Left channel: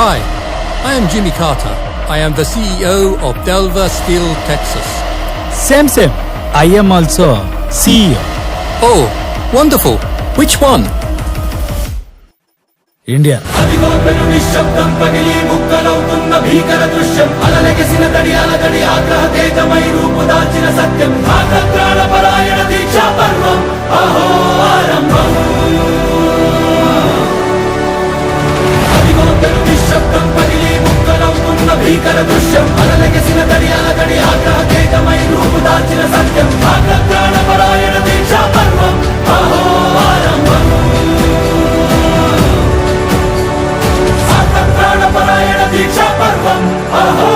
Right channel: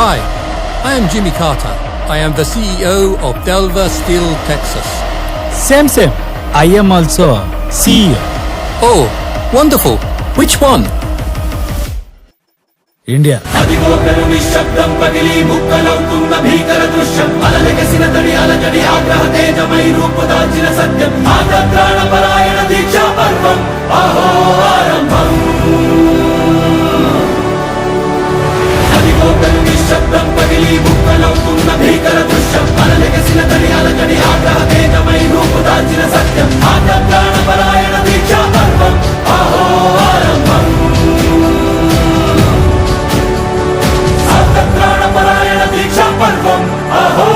Hi, I am Jimmy Carter. I am the CEO of Delver Steel, Texas. Same. I am also CEO. Oh, wonderful. Which one? India. అదిగో పెను నిశ్శబ్దం పగిలి ముక్కలవుతున్న భీకర దృశ్యం అలలెగసిన తడియాల తడి ఆగ్రహ తేజమై రూపు దాల్చిన సత్యం ఆగ్రహ పరాయణ దీక్షా పర్వం అహో ఆరంభం. అదిగో పెను నిశ్శబ్దం పగిలి ముక్కలవుతున్న భీకర దృశ్యం అలలెగసిన తడియాల తడి ఆగ్రహ తేజమై రూపు దాల్చిన సత్యం ఆగ్రహ పరాయణ దీక్షా పర్వం అహో ఆరంభం. ప్రాణపరాయణ దీక్షా పర్వం అహో